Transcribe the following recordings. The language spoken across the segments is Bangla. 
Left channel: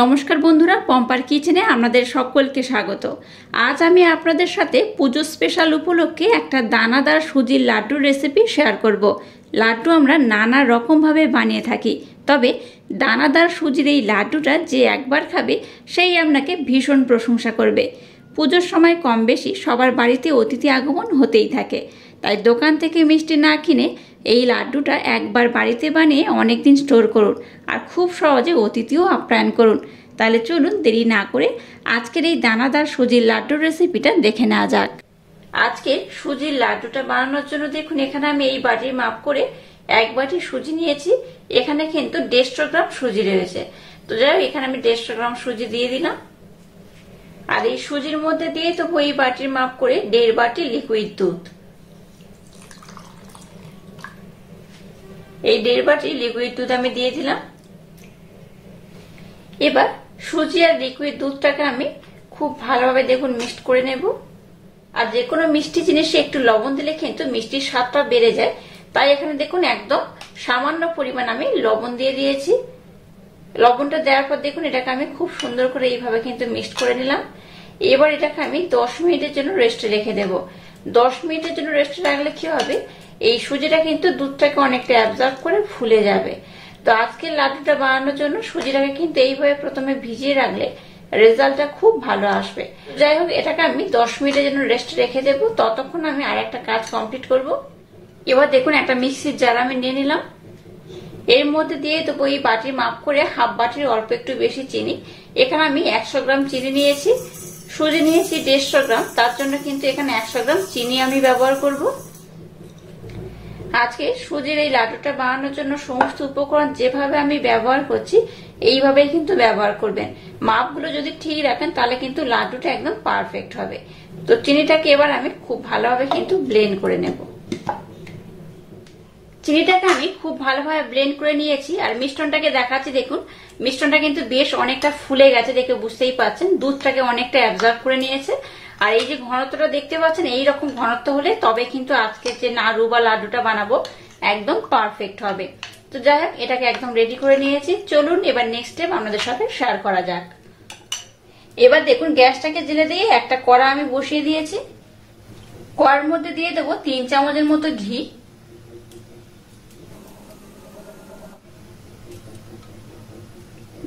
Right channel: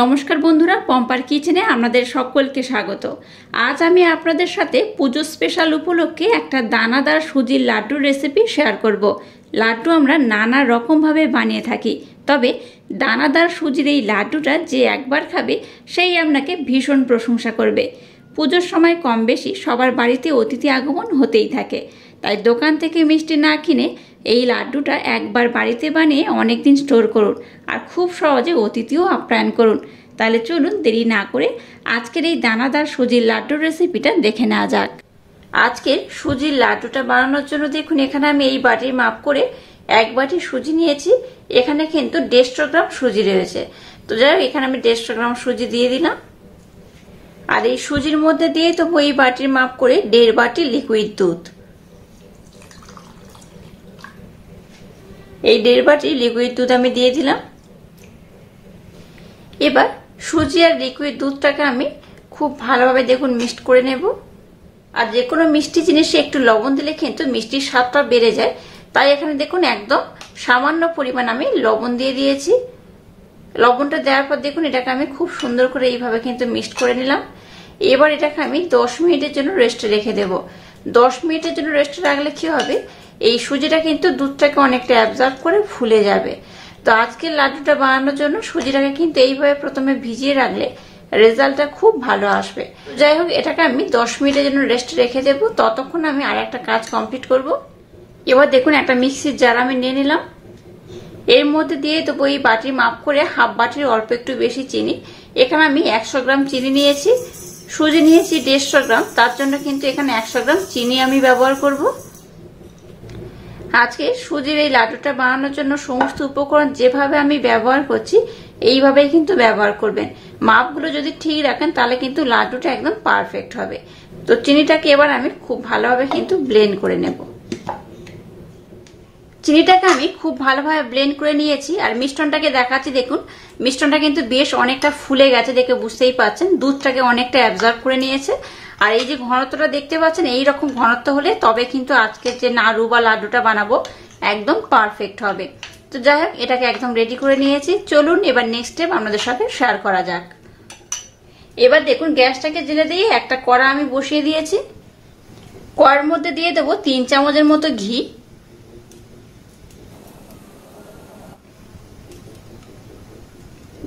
নমস্কার বন্ধুরা, পম্পার কিচেনে আপনাদের সকলকে স্বাগত। আজ আমি আপনাদের সাথে পুজো স্পেশাল উপলক্ষে একটা দানাদার সুজির লাড্ডুর রেসিপি শেয়ার করব। লাড্ডু আমরা নানা রকমভাবে বানিয়ে থাকি, তবে দানাদার সুজির এই লাড্ডুটা যে একবার খাবে সেই আপনাকে ভীষণ প্রশংসা করবে। পুজোর সময় কম বেশি সবার বাড়িতে অতিথি আগমন হতেই থাকে, তাই দোকান থেকে মিষ্টি না কিনে এই লাড্ডুটা একবার বাড়িতে বানিয়ে অনেক দিন স্টোর করুন আর খুব সহজে অতিথিও আপ্যায়ন করুন। তাহলে চলুন দেরি না করে আজকের এই দানাদার সুজির লাড্ডুর রেসিপিটা দেখে নেওয়া যাক। আজকে সুজির লাড্ডুটা বানানোর জন্য দেখুন, এখানে আমি এই বাটির মাপ করে এক বাটি সুজি নিয়েছি। এখানে কিন্তু 150 গ্রাম সুজি রয়েছে। তো যাই হোক, এখানে আমি 150 গ্রাম সুজি দিয়ে দিলাম। আর এই সুজির মধ্যে দিয়ে তো এই বাটির মাপ করে 1.5 বাটি লিকুইড দুধ। এই 1.5 বাটি লিকুইড দুধ আমি দিয়ে দিলাম। এবার সুজি আর লিকুইড দুধটাকে আমি খুব ভালোভাবে দেখুন মিক্সড করে নেব। আর যে কোনো মিষ্টি জিনিসে একটু লবণ দিলে কিন্তু মিষ্টির স্বাদটা বেড়ে যায়, তাই এখানে দেখুন একদম সামান্য পরিমাণ আমি লবণ দিয়ে দিয়েছি। লবণটা দেওয়ার পর দেখুন এটাকে আমি খুব সুন্দর করে এইভাবে কিন্তু মিক্সড করে নিলাম। এবার এটাকে আমি 10 মিনিটের জন্য রেস্টে রেখে দেব। 10 মিনিটের জন্য রেস্টে রাখলে কি হবে, এই সুজিটা কিন্তু দুধটাকে অনেকটা অ্যাবজর্ব করে ফুলে যাবে। তো আজকে লাড্ডুটা বানানোর জন্য সুজিটাকে কিন্তু এইভাবে প্রথমে ভিজিয়ে রাখলে রেজাল্টটা খুব ভালো আসবে। যাই হোক, এটাকে আমি 10 মিনিটের জন্য রেস্টে রেখে দেব। ততক্ষণ আমি আর একটা কাজ কমপ্লিট করব। এবার দেখুন একটা মিক্সির জার আমি নিয়ে নিলাম। এর মধ্যে দিয়ে দেবো এই বাটির মাপ করে হাফ বাটির অল্প একটু বেশি চিনি। এখানে আমি 100 গ্রাম চিনি নিয়েছি, সুজি নিয়েছি 150 গ্রাম, তার জন্য কিন্তু এখানে 100 গ্রাম চিনি আমি ব্যবহার করব। আজকে সুজির এই লাড্ডুটা বানানোর জন্য সমস্ত উপকরণ যেভাবে আমি ব্যবহার করছি এইভাবেই কিন্তু ব্যবহার করবেন। মাপগুলো যদি ঠিক রাখেন তাহলে কিন্তু লাড্ডুটা একদম পারফেক্ট হবে। তো চিনিটাকে এবার আমি খুব ভালোভাবে কিন্তু ব্লেন্ড করে নেব। চিনিটাকে আমি খুব ভালোভাবে ব্লেন্ড করে নিয়েছি। আর মিশ্রণটাকে দেখাচ্ছি, দেখুন মিশ্রণটা কিন্তু বেশ অনেকটা ফুলে গেছে, দেখে বুঝতেই পারছেন দুধটাকে অনেকটা অ্যাবজর্ব করে নিয়েছে। আর এই যে ঘনত্বটা দেখতে পাচ্ছেন, এইরকম ঘনত্ব হলে তবে কিন্তু আজকে যে নাড়ু বা লাড্ডুটা বানাবো একদম পারফেক্ট হবে। তো যাই হোক, এটাকে একদম রেডি করে নিয়েছি। চলুন এবার নেক্সট স্টেপ আপনাদের সাথে শেয়ার করা যাক। এবার দেখুন গ্যাসটাকে জেলে দিয়ে একটা কড়া আমি বসিয়ে দিয়েছি। কড়ার মধ্যে দিয়ে দেবো 3 চামচের মতো ঘি।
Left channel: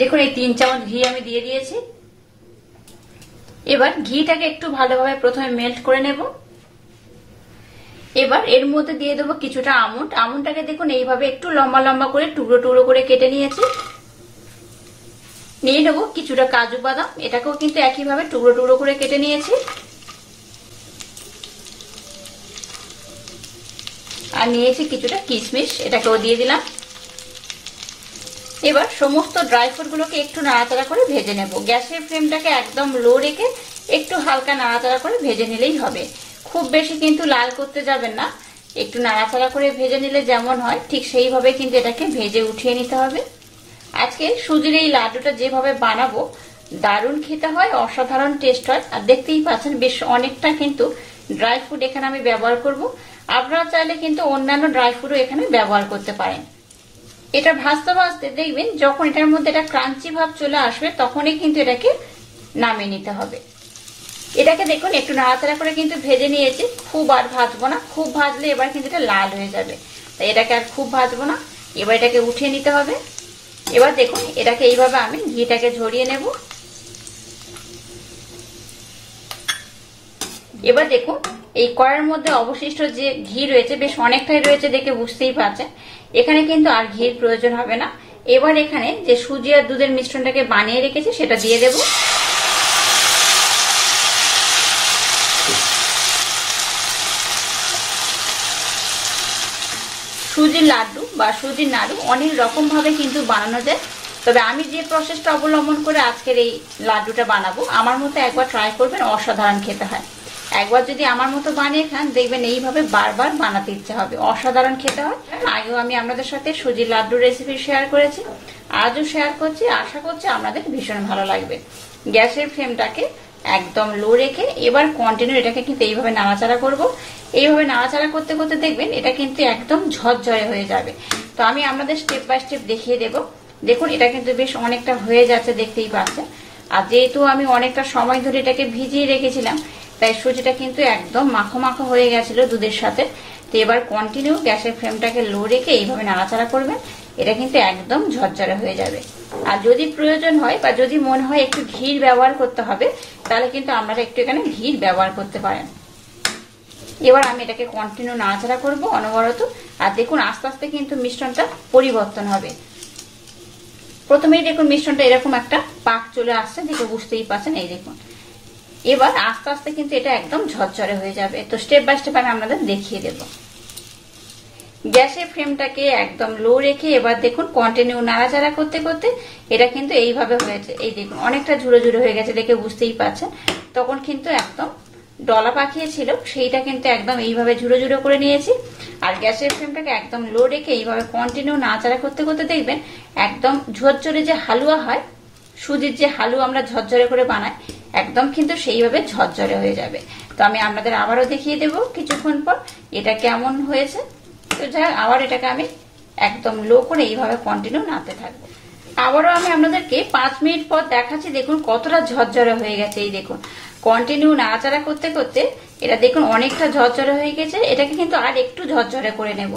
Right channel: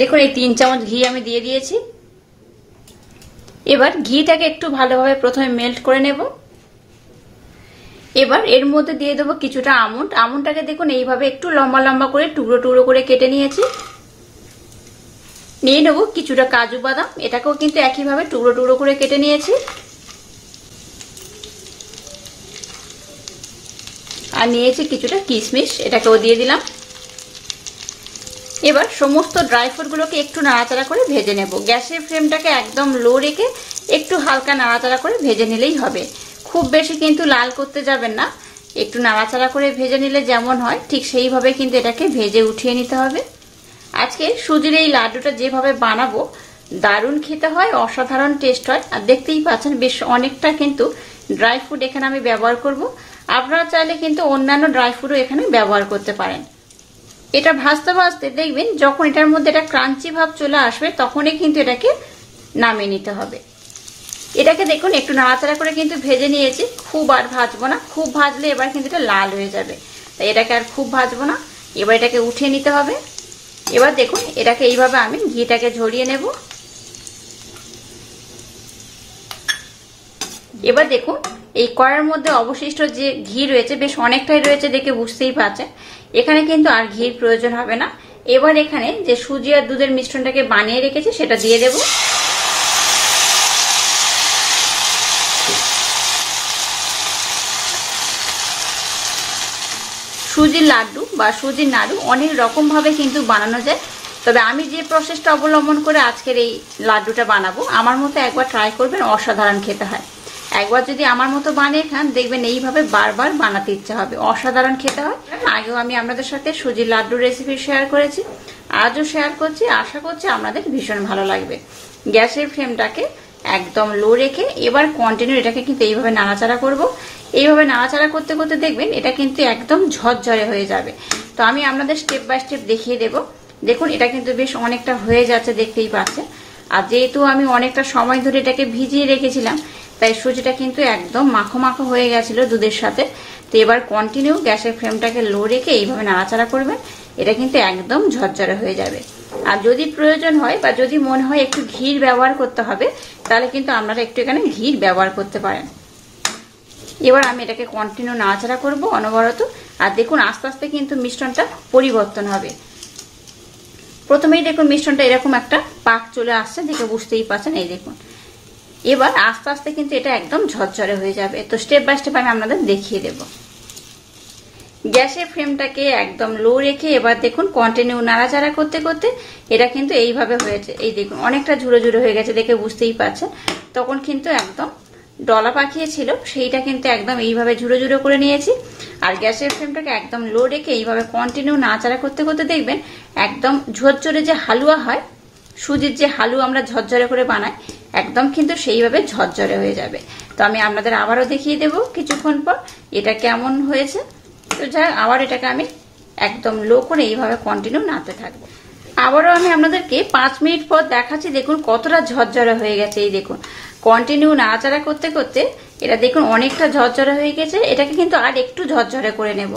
দেখুন এই 3 চামচ ঘি আমি দিয়ে দিয়েছি। এবার ঘিটাকে একটু ভালোভাবে প্রথমে মেল্ট করে নেব। এবার এর মধ্যে দিয়ে দেবো কিছুটা আমন্ড। আমন্ডটাকে দেখুন এইভাবে একটু লম্বা লম্বা করে টুকরো টুকরো করে কেটে নিয়েছি। নিয়ে নেব কিছুটা কাজু বাদাম, এটাকেও কিন্তু একইভাবে টুকরো টুকরো করে কেটে নিয়েছি। আর নিয়েছি কিছুটা কিশমিশ, এটাকেও দিয়ে দিলাম। এবার সমস্ত ড্রাই ফ্রুট গুলোকে একটু নাড়াচাড়া করে ভেজে নেব। গ্যাসের ফ্লেমটাকে একদম লো রেখে একটু হালকা নাড়াচাড়া করে ভেজে নিলেই হবে। খুব বেশি কিন্তু লাল করতে যাবেন না, একটু নাড়াচাড়া করে ভেজে নিলে যেমন হয় ঠিক সেইভাবে কিন্তু এটাকে ভেজে উঠিয়ে নিতে হবে। আজকে সুজির এই লাড্ডুটা যেভাবে বানাবো দারুণ খেতে হয়, অসাধারণ টেস্ট হয়। আর দেখতেই পাচ্ছেন বেশ অনেকটা কিন্তু ড্রাই ফ্রুট এখানে আমি ব্যবহার করব। আপনারা চাইলে কিন্তু অন্যান্য ড্রাই ফ্রুটও এখানে ব্যবহার করতে পারেন। এটা ভাজতে ভাজতে দেখবেন যখন এটার মধ্যে একটা ক্রাঞ্চি ভাব চলে আসবে তখনই কিন্তু এটাকে নামিয়ে নিতে হবে। এটাকে দেখুন একটু নাড়াচাড়া করে কিন্তু ভেজে নিয়েছি, খুব আর ভাজবো না। খুব ভাজলে এবার কিন্তু এটা লাল হয়ে যাবে, তাই এটাকে আর খুব ভাজবো না। এবার এটাকে উঠিয়ে নিতে হবে। এবার দেখুন এটাকে এইভাবে আমি ঘিটাকে ঝরিয়ে নেব। এবার দেখুন এই কড়াইয়ের মধ্যে অবশিষ্ট যে ঘি রয়েছে বেশ অনেকটাই রয়েছে, দেখে বুঝতেই পারছেন। এখানে কিন্তু আর ঘির প্রয়োজন হবে না। এবার এখানে যে সুজি আর দুধের মিশ্রণটাকে বানিয়ে রেখেছি সেটা দিয়ে দেব। সুজির লাড্ডু বা সুজির নাড়ু অনেক রকম ভাবে কিন্তু বানানো যায়, তবে আমি যে প্রসেসটা অবলম্বন করে আজকের এই লাড্ডুটা বানাবো আমার মতো একবার ট্রাই করবেন, অসাধারণ খেতে হয়। একবার যদি আমার মতো বানিয়ে খান দেখবেন এইভাবে বারবার বানাতে ইচ্ছা হবে, অসাধারণ খেতে হয়। আগেও আমি আপনাদের সাথে সুজির লাড্ডু রেসিপি শেয়ার করেছি, আজও শেয়ার করছি। আশা করছি আপনাদের ভীষণ ভালো লাগবে। গ্যাসের ফ্লেমটাকে একদম লো রেখে এবার কন্টিনিউ এটাকে কিন্তু এইভাবে নাড়াচাড়া করব। এইভাবে নাড়াচাড়া করতে করতে দেখবেন এটা কিন্তু একদম ঝরঝরে হয়ে যাবে। তো আমি আপনাদের স্টেপ বাই স্টেপ দেখিয়ে দেব। দেখুন এটা কিন্তু বেশ অনেকটা হয়ে যাচ্ছে, দেখতেই পাচ্ছেন। আর যেহেতু আমি অনেকটা সময় ধরে এটাকে ভিজিয়ে রেখেছিলাম, তাই সুজিটা কিন্তু একদম মাখো মাখো হয়ে গেছিল দুধের সাথে। তো এবার কন্টিনিউ গ্যাসের ফ্লেমটাকে লো রেখে এইভাবে নাড়াচাড়া করবেন, এটা কিন্তু একদম ঝরঝরে হয়ে যাবে। আর যদি প্রয়োজন হয় বা যদি মনে হয় একটু ঘির ব্যবহার করতে হবে, তাহলে কিন্তু আপনারা একটু এখানে ঘি ব্যবহার করতে পারেন। এবার আমি এটাকে কন্টিনিউ নাড়াচাড়া করবো অনবরত। আর দেখুন আস্তে আস্তে কিন্তু মিশ্রণটা পরিবর্তন হবে। প্রথমেই দেখুন মিশ্রণটা এরকম একটা পাক চলে আসছে, দেখে বুঝতেই পারছেন। এই দেখুন এবার আস্তে আস্তে কিন্তু এটা একদম ঝরঝরে হয়ে যাবে। তো স্টেপ বাই স্টেপ আমি আপনাদের দেখিয়ে দেব। গ্যাসের ফ্লেমটাকে একদম লো রেখে এবার দেখুন কন্টিনিউ নাড়াচাড়া করতে করতে এটা কিন্তু এইভাবে হয়েছে। এই দেখুন অনেকটা ঝুড়ো ঝুড়ো হয়ে গেছে, দেখে বুঝতেই পারছেন। তখন কিন্তু একদম ডলা পাকিয়েছিল, সেইটা কিন্তু একদম এইভাবে ঝুড়ো ঝুড়ো করে নিয়েছি। আর গ্যাসের ফ্লেমটাকে একদম লো রেখে এইভাবে কন্টিনিউ নাড়াচাড়া করতে করতে দেখবেন একদম ঝরঝরে যে হালুয়া হয়, সুজির যে হালুয়া আমরা ঝরঝরে করে বানাই, একদম কিন্তু সেইভাবে ঝরঝরে হয়ে যাবে। তো আমি আপনাদের আবারও দেখিয়ে দেব কিছুক্ষণ পর এটা কেমন হয়েছে। তো যাই আবার এটাকে আমি একদম লো করে এইভাবে কন্টিনিউ নাড়তে থাকবো। আবারও আমি আপনাদেরকে 5 মিনিট পর দেখাচ্ছি। দেখুন কতটা ঝরঝরে হয়ে গেছে। এই দেখুন কন্টিনিউ নাড়াচাড়া করতে করতে এটা দেখুন অনেকটা ঝরঝরে হয়ে গেছে। এটাকে কিন্তু আর একটু ঝরঝরে করে নেব।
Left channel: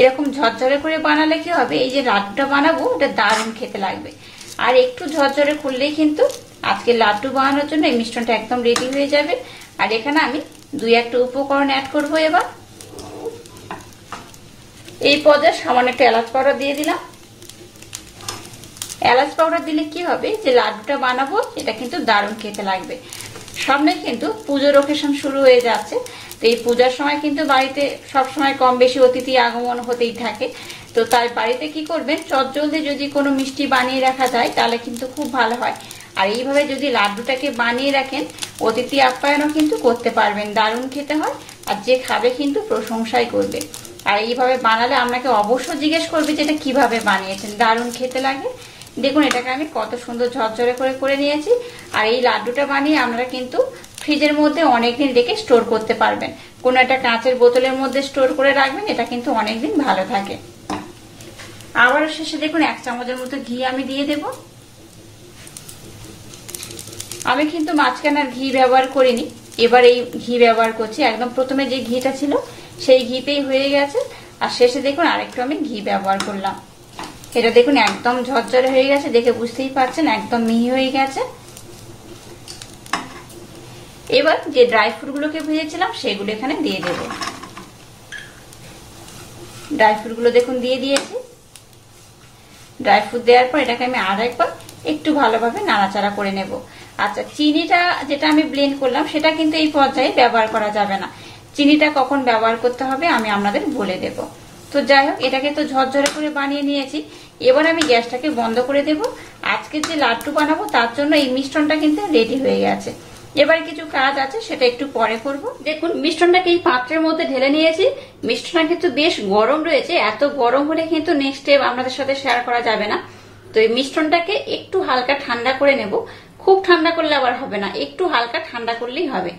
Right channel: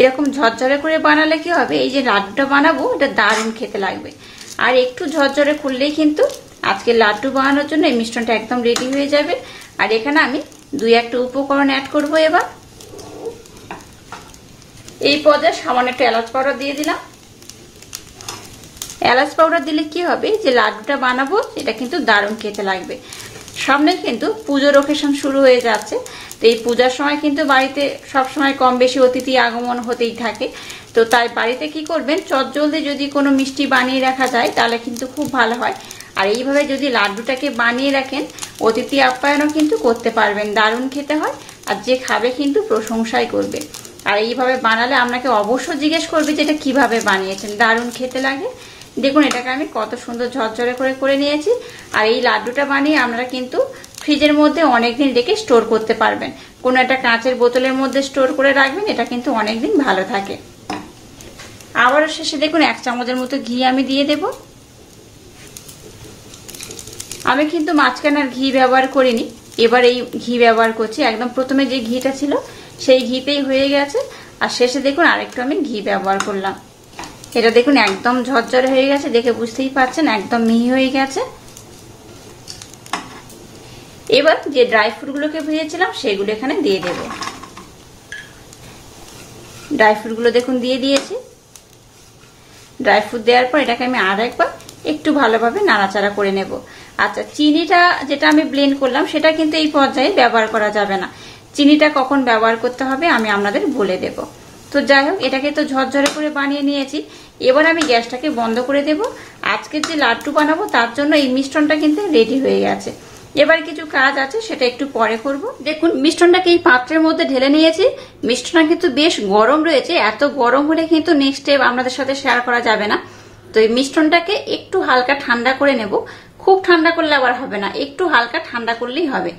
এরকম ঝরঝরে করে বানালে কি হবে, এই যে লাড্ডুটা বানাবো এটা দারুণ খেতে লাগবে। আর একটু ঝরঝরে করলেই কিন্তু আজকে লাড্ডু বানানোর জন্য এই মিশ্রণটা একদম রেডি হয়ে যাবে। আর এখানে আমি 2-1টা উপকরণ অ্যাড করব। এবার এই পর্যায়ে সামান্য একটা এলাচ পাউডার দিয়ে দিলাম। এলাচ পাউডার দিলে কি হবে, যে লাড্ডুটা বানাবো এটা কিন্তু দারুণ খেতে লাগবে। সামনে কিন্তু পুজোর অকেশন শুরু হয়ে যাচ্ছে। তো এই পূজার সময় কিন্তু বাড়িতে সবসময় কম বেশি অতিথি আগমন হতেই থাকে। তো তাই বাড়িতে কি করবেন, চটজলদি যদি কোনো মিষ্টি বানিয়ে রাখা যায় তাহলে কিন্তু খুব ভালো হয়। আর এইভাবে যদি লাড্ডুটাকে বানিয়ে রাখেন, অতিথি আপ্যায়নও কিন্তু করতে পারবেন, দারুণ খেতে হয়। আর যে খাবে কিন্তু প্রশংসাই করবে। আর এইভাবে বানালে আপনাকে অবশ্যই জিজ্ঞেস করবে যে এটা কিভাবে বানিয়েছেন, দারুণ খেতে লাগে। দেখুন এটাকে আমি কত সুন্দর ঝরঝরে করে নিয়েছি। আর এই লাড্ডুটা বানিয়ে আপনারা কিন্তু ফ্রিজের মধ্যে অনেকদিন রেখে স্টোর করতে পারবেন। কোনো একটা কাঁচের বোতলের মধ্যে স্টোর করে রাখবেন, এটা কিন্তু অনেকদিন ভালো থাকে। আবারও শেষে দেখুন 1 চামচের মতো ঘি আমি দিয়ে দেব। আমি কিন্তু মাঝখানে আর ঘি ব্যবহার করিনি, এবার এই ঘি ব্যবহার করছি। একদম প্রথমে যে ঘিটা ছিল সেই ঘিতেই হয়ে গেছে। আর শেষে দেখুন আরেকটু আমি ঘি ব্যবহার করলাম। এটা দেখুন একদম ঝরঝরে হয়ে গেছে, দেখে বুঝতেই পারছেন একদম মিহি হয়ে গেছে। এবার যে ড্রাই ফ্রুট গুলোকে ভেজেছিলাম সেগুলো এখানে দিয়ে দেব। ড্রাই ফ্রুট গুলো দেখুন দিয়ে দিয়েছি। ড্রাই ফ্রুট দেওয়ার পর এটাকে আমি আর একবার একটু ভালোভাবে নাড়াচাড়া করে নেব। আচ্ছা, চিনিটা যেটা আমি ব্লেন্ড করলাম সেটা কিন্তু এই পর্যায়ে ব্যবহার করা যাবে না। চিনিটা কখন ব্যবহার করতে হবে আমি আপনাদের বলে দেব। তো যাই হোক, এটাকে তো ঝরঝরে করে বানিয়ে নিয়েছি। এবার আমি গ্যাসটাকে বন্ধ করে দেব। আজকে যে লাড্ডু বানাবো তার জন্য এই মিশ্রণটা কিন্তু রেডি হয়ে গেছে। এবার কিছু কাজ আছে, সেটা একটু পরে করব। দেখুন মিশ্রণটাকে এই পাত্রের মধ্যে ঢেলে নিয়েছি। মিশ্রণটা কিন্তু বেশ গরম রয়েছে, এত গরম হলে কিন্তু নেক্সট স্টেপ আপনাদের সাথে শেয়ার করা যাবে না। তো এই মিশ্রণটাকে একটু হালকা ঠান্ডা করে নেব। খুব ঠান্ডা করলে আবার হবে না, একটু হালকা ঠান্ডা করলেই হবে।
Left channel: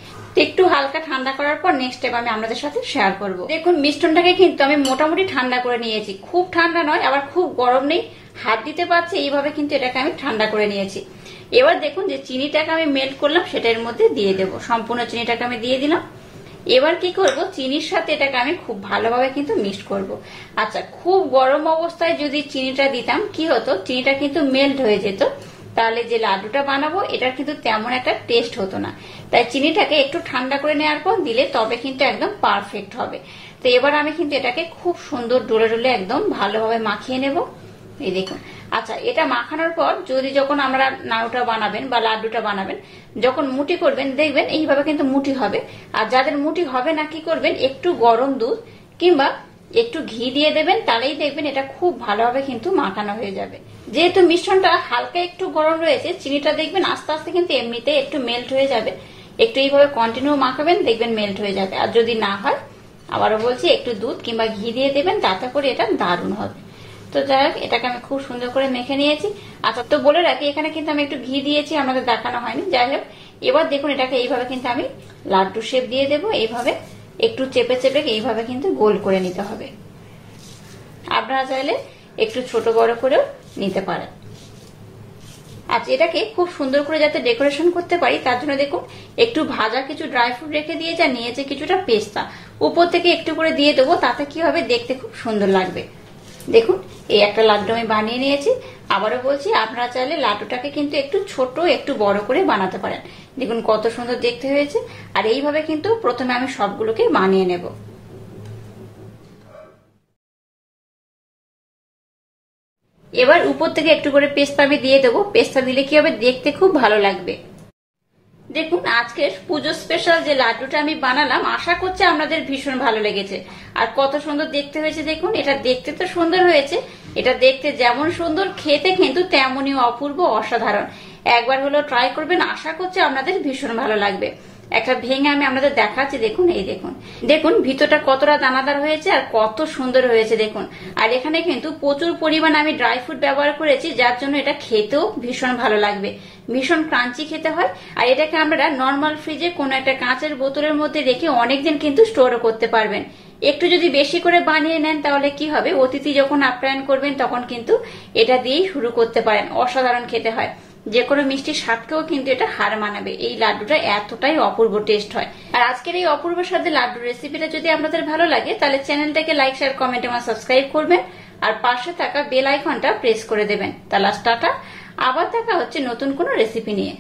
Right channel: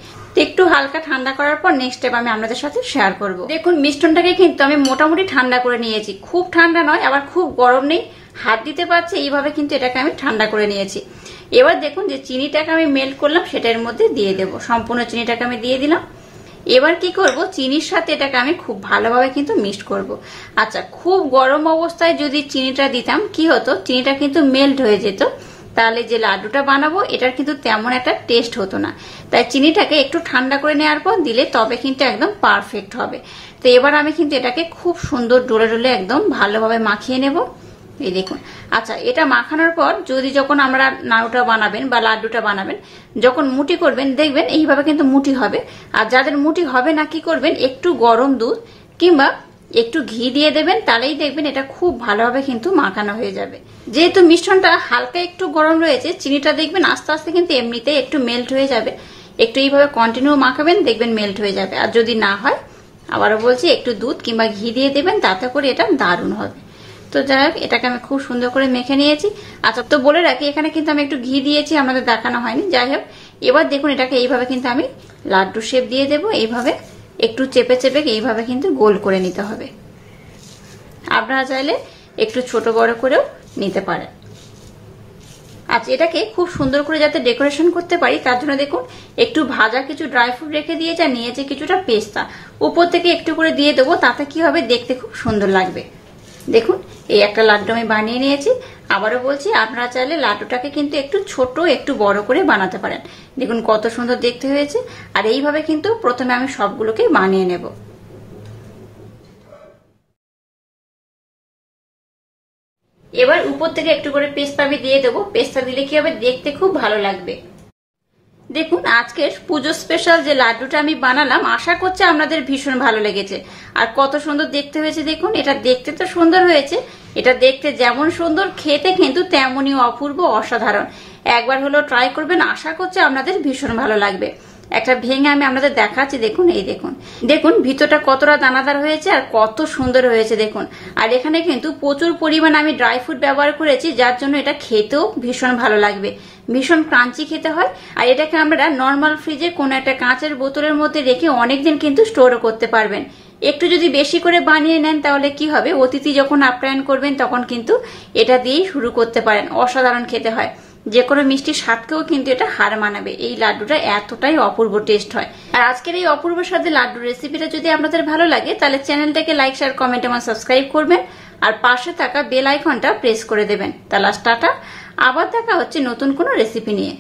একটু হালকা ঠান্ডা করার পর নেক্সট স্টেপ আমি আপনাদের সাথে শেয়ার করব। দেখুন মিশ্রণটাকে কিন্তু আমি মোটামুটি ঠান্ডা করে নিয়েছি, খুব ঠান্ডা নয় আবার খুব গরম নেই, হাত দিতে পারছি এইভাবে কিন্তু এটাকে আমি ঠান্ডা করে নিয়েছি। এবার দেখুন যে চিনিটাকে আমি মেল্ট করলাম সেটার মধ্যে দিয়ে দেব। সম্পূর্ণ চিনিটাকে আমি দিয়ে দিলাম। এবার কি করব, চিনির সাথে এটাকে আমি খুব ভালোভাবে কিন্তু মিক্স করব। আচ্ছা, খুব গরম অবস্থায় যদি চিনিটা দিতাম কি হতো, চিনিটা কিন্তু মেল্ট হয়ে যেত, তাহলে যে লাড্ডুটা বানাবো এটার কিন্তু তেমন একটা টেস্ট হতো না। তাই চিনিটাকে একটু ঠান্ডা করে নেওয়ার পর দিলে তবে কিন্তু একদম পারফেক্ট হবে। তো এবার আমি কিন্তু এটাকে খুব সুন্দর ডলে ডলে একদম ভালোভাবে মাখিয়ে নেব। এই দেখুন। আচ্ছা, এটা মাখানোর পর যদি যখন আমরা নাড়ুটা বানাবেন বা লাড্ডুটা বানাবেন, যখন মুঠি করবেন দেখবেন এইভাবে কিন্তু মুঠি হবে। আর যাদের মুঠি হবে না কি করবেন, একটু গরম দুধ কিংবা একটু ঘি দিয়ে দেবেন, তাহলেই দেখবেন এটা খুব ভালোভাবে কিন্তু মাখানো হয়ে যাবে। যেহেতু মিশ্রণটা হালকা একটু গরম রয়েছে, চিনিটা দেখবেন আস্তে আস্তে কিন্তু এমনিতে একটু মেল্ট হয়ে যাবে। একটু এইভাবে কন্টিনিউ মাখাবেন, দেখবেন মেল্ট হয়ে যাবে। আর যদি না হয় আবারও বলছি একটু দুধ কিংবা ঘি দিয়ে দেবেন, তাতে করে এটা দারুণ হবে। তো যাই হোক, এটাকে আমি খুব সুন্দর করে মেখে নিয়েছি। আচ্ছা, তো বলে রাখি এখানে কিন্তু আমি একটু ঘি দিয়েছি, আমাদের দেখানো হয়নি। যাই হোক, এবার দেখুন এটাকে এইভাবে কিন্তু আমি লাড্ডু শেপ দিয়ে দেবো। এইভাবে একটু চেপে চেপে এইভাবে কিন্তু গোল করে নিতে হবে। আপনারা চাইলে একটু ছোট বড় করেও নিতে পারেন। আচ্ছা, এটাকে খুব সুন্দর করে যাতে ডেকোরেশন করতে পারি তার জন্য দেখুন একটু ভাজা কিছু ড্রাই ফ্রুট রেখে দিয়েছি, আর নিয়েছে কিছুটা পেস্তা, উপর থেকে একটু করে দিয়ে দেবো, তাতে কি হবে দেখতে খুব সুন্দর লাগবে। দেখুন এই একটা লাড্ডু আমি বানিয়ে নিয়েছি। আবারও বলছি, আপনারা চাইলে লাড্ডুটাকে কিন্তু একটু ছোট একটু বড় করে বানাতে পারেন। দেখুন কত সুন্দর দেখতে হয়েছে। আর এইভাবে কিন্তু প্রথমে আমি সবগুলোকে বানিয়ে নেব। এবার উপর থেকে একটু করে পেস্তা আমি দিয়ে দেবো। পেস্তা দিলে কি হবে দেখতে খুব ভালো লাগবে। দেখুন আজকের পুজো স্পেশাল যে লাড্ডুটা আমি বানালাম, আশা করছি আপনাদের ভীষণ ভালো লেগেছে। আর কত সুন্দর দেখতে হয়েছে দেখুন। এটা দেখতে তো সুন্দর হয়েছে, এটা দেখতে যেমন সুন্দর খেতে কিন্তু তেমনই অপূর্ব, অসাধারণ। একবার হলো ট্রাই করবেন, আশা করছি আপনাদের ভীষণ ভালো লাগবে। একটা ভেঙে আমি আপনাদের দেখাচ্ছি। দেখুন এই দেখুন, দেখুন ভিতরটা কতটা দানাদার হয়েছে আর কত সুন্দর হয়েছে দেখুন। আর এখানে কিন্তু প্রচুর পরিমাণ আমি ড্রাই ফ্রুট ব্যবহার করেছি, যার জন্য এটা খেতেও ভীষণ ভালো লাগবে, ভীষণ ক্রাঞ্চি খেতে হয়। আর এটাকে আমরা নর্মাল ফ্রিজে কোনো একটা কাঁচের বোতলের মধ্যে রেখে অনেকদিন কিন্তু স্টোরও করতে পারবেন। একটু যদি বেশি করে বানিয়ে নেন তাহলে কি হবে, অতিথি যখন আপ্যায়ন করবেন তখন কিন্তু এটা দিয়েই শুরু করতে পারেন। অসাধারণ খেতে হয়, যে কোনো মিষ্টির স্বাদকেও কিন্তু এটা হার মানাবে। এই লাড্ডুটা এতটাই অপূর্ব টেস্ট হয়। আর আজকের এই অপূর্ব স্বাদের লাড্ডু রেসিপিটা যদি আপনাদের ভালো লাগে তাহলে চ্যানেলটাকে লাইক, শেয়ার, কমেন্ট এবং সাবস্ক্রাইব করবেন। আর পাশে থাকা বেল আইকনটা প্রেস করে দেবেন। তাহলে টাটা, আবার দেখা হচ্ছে নতুন কোনো রেসিপি নিয়ে।